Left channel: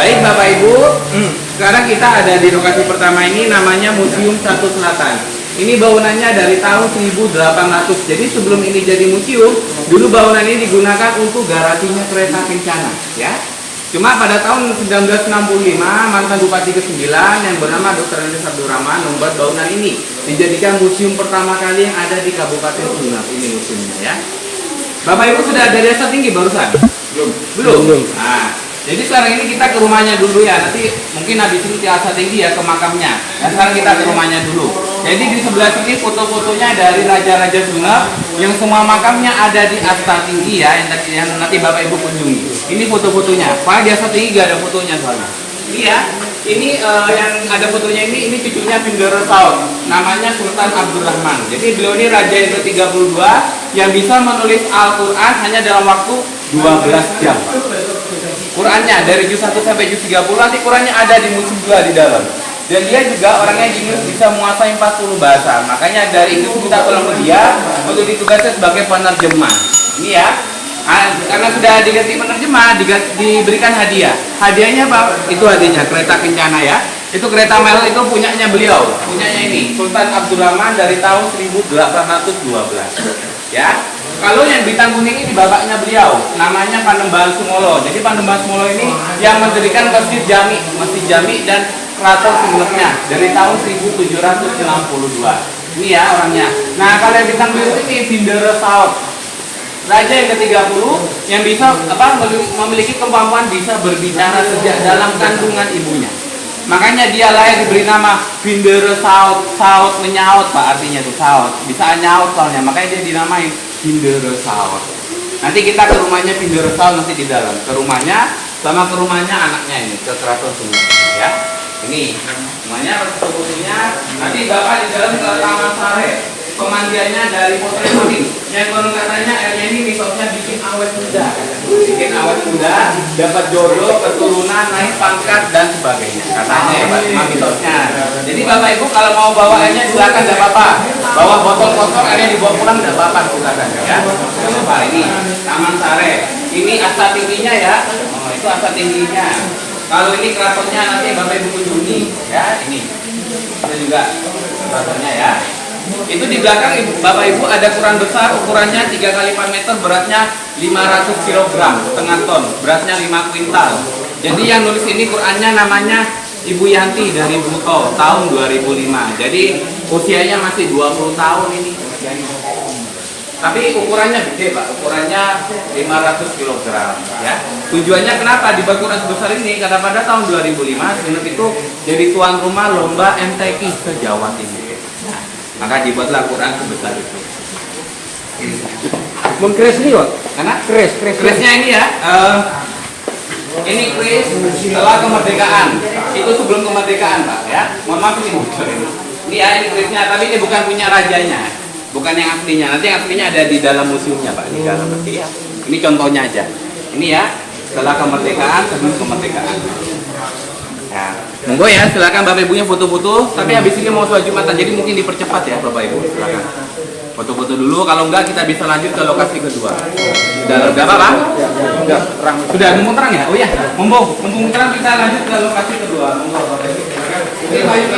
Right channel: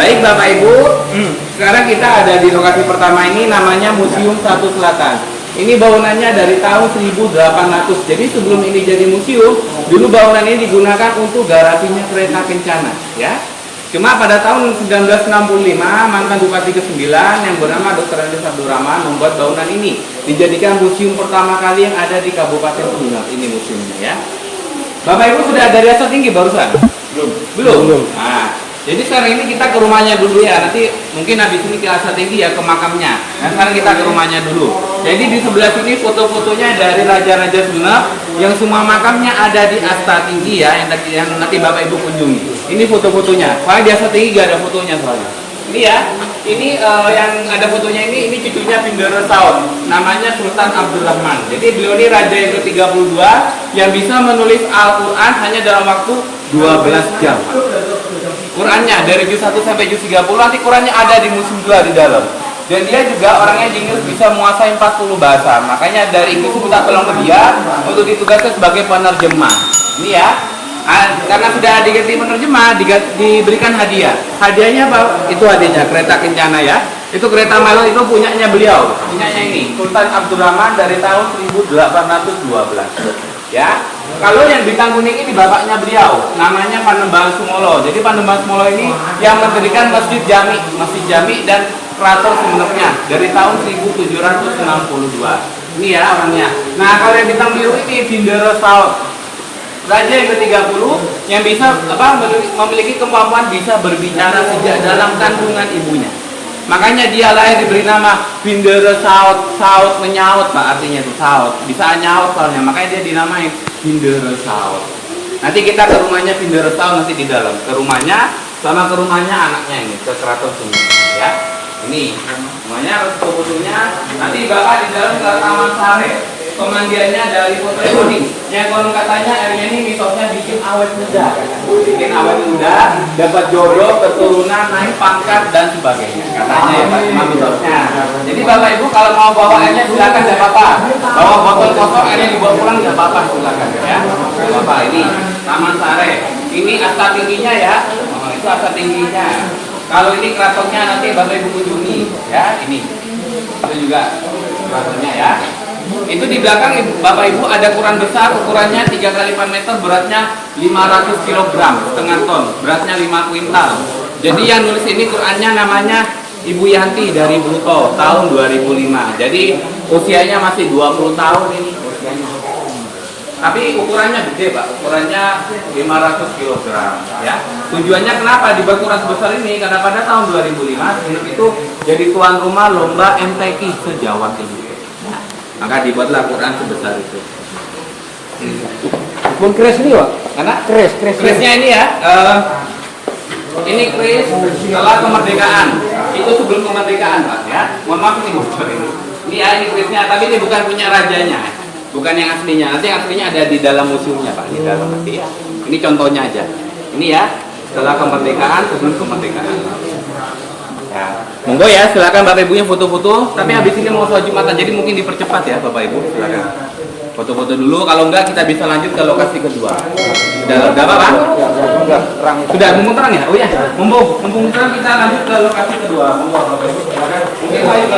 Baik Bapak Ibu, sekarang kita ada di lokasi pertama ini, namanya Museum Satu Selatan. Ini bangunannya dari tahun 1800. Jadi sebelum ini jadi museum, dulu bangunan ini digunakan untuk garasinya kereta kencana, ya. Cuma pada tahun 1965, mantan Bupati ke-9 yang bernama Dr. Andes Abdurrahman membuat bangunan ini dijadikan museum pertama kali yang ada di Kabupaten Sumeneb. Ini museumnya, ya. Bapak Ibu sudah dari asal tinggi barusan? Belum. Nah, jadi sekarang ini kita ke rumahnya dulu ya. Nanti mungkin habis ini ke asal tinggi ya, ke makamnya. Nah, sekarang kita ke rumahnya dulu. Jadi di sebelah sini foto-fotonya dari Raja-Raja Sumeneb yang semua makamnya ada di Asta Tinggi ya, yang nanti Bapak Ibu kunjungi. Ini foto-fotonya. Soalnya di Asta Tinggi gak ada fotonya soalnya. Ini ya. Ini yang ada fotonya ini cucunya Bindara Saud, namanya Sultan Abdurrahman. Jadi beliau ini raja yang ke-32 yang bisa menulis Al-Quran hanya dalam waktu 12 jam. Qurannya dari juz 1 sampai juz 30, nanti Qurannya ada di museum juga di dalam. Dan dia juga orangnya jenius, bisa menguasai 40 bahasa. Makanya dari itu kita tolong ke dia untuk ditugaskan sebagai penerjemah. Ini ya. Karena sudah diganti penerjemah, diberikan hadiah. Hadiahnya apa? Itu hadiahnya kereta kencana ya. Itu kereta Milo itu punyanya beliau. Punyanya ini Sultan Abdurrahman dari tahun 1812. Ya. Kalau yang bintang kuning ini bapaknya beliau, namanya Panembahan Sumolo. Jadi Panembahan Sumolo ini yang mendirikan Masjid Jami dan Keraton Sumenebnya dari tahun 1762. Ini ya orangnya. Nah, kalau yang bintang biru ini Bindara Saud, raja yang ke-30 yang bisa memiliki kemampuan bisa berbicara sejak dalam kandungan ibunya. Makanya dia lahir diberi nama Bindara Saud. Saud menyaut Pak, artinya itu Saud. Bisa nyaut soalnya, makanya dia dinamai Bindara Saud. Nanti kita ke rumahnya Bindara Saud nanti di dalam. Ke rumahnya sama ke rumahnya anaknya ini, ke Keraton Sumeneb ya. Ini rumahnya fotonya. Nanti Bapak di dalam ke Taman Sare. Pemandiannya dari foto kuning. Yang konon katanya airnya ini mitosnya bikin awet muda. Bikin awet muda, dapat jodoh, keturunan, naik pangkat dan sebagainya. Katanya ya Pak, cuma mitosnya. Jadi Bapak Ibu kalau mau bawa airnya silakan, tidak apa-apa. Bawa botol kosong airnya dibawa pulang tidak apa-apa, silakan ya. Tidak apa-apa. Ini Taman Sare. Ini asta tingginya ya. Oh, itu asta tingginya. Kalau ini keratonnya nanti Bapak Ibu kunjungi ya. Ini itu juga keratonnya ya. Itu di belakang Bapak Ibu ada Quran besar, ukurannya 3 kali 4 meter, beratnya 500 kg, setengah ton, beratnya 5 kuintal. Jadi yang nulis ini Qurannya namanya Ibu Yanti dari Buto, tahun 2005. Jadi usianya masih 20 tahun ini usianya. Tapi ukurannya gede Pak, ukurannya 500 kg ya. Tujuannya kenapa dibuat Quran sebesar ini? Karena pada tahun 2005 Sumeneb itu jadi tuan rumah lomba MTQ se Jawa Timur. Maka dibuatlah Quran sebesar itu. Mun kres ini Pak? Karena Kresnya ini ya. Ini kris setelah kemerdekaan. Itu sebelum kemerdekaan Pak ya. Mohon maaf ini bocor ini. Ini ya, ini krisnya, tapi ini bukan punya rajanya. Bukan yang aslinya. Nanti yang aslinya ada di dalam museumnya Pak, di dalam nanti ya. Ini contohnya aja. Ini ya, setelah kemerdekaan, sebelum kemerdekaan. Ya. Monggo ya, silakan Bapak Ibunya foto-foto. Tapi habis ini mau sholat Jumatan, jadi mungkin dipercepat ya Bapak Ibu. Silakan foto-foto dulu. Kalau enggak kita bisa lanjut ke lokasi kedua. Sudah apa Pak? Sudah terang. Sudah mumpung terang ya? Oh ya, mumpung terang kita lanjut ke lokasi kedua. Monggo Bapak Ibu. Silakan. Mungkin Pak Ibu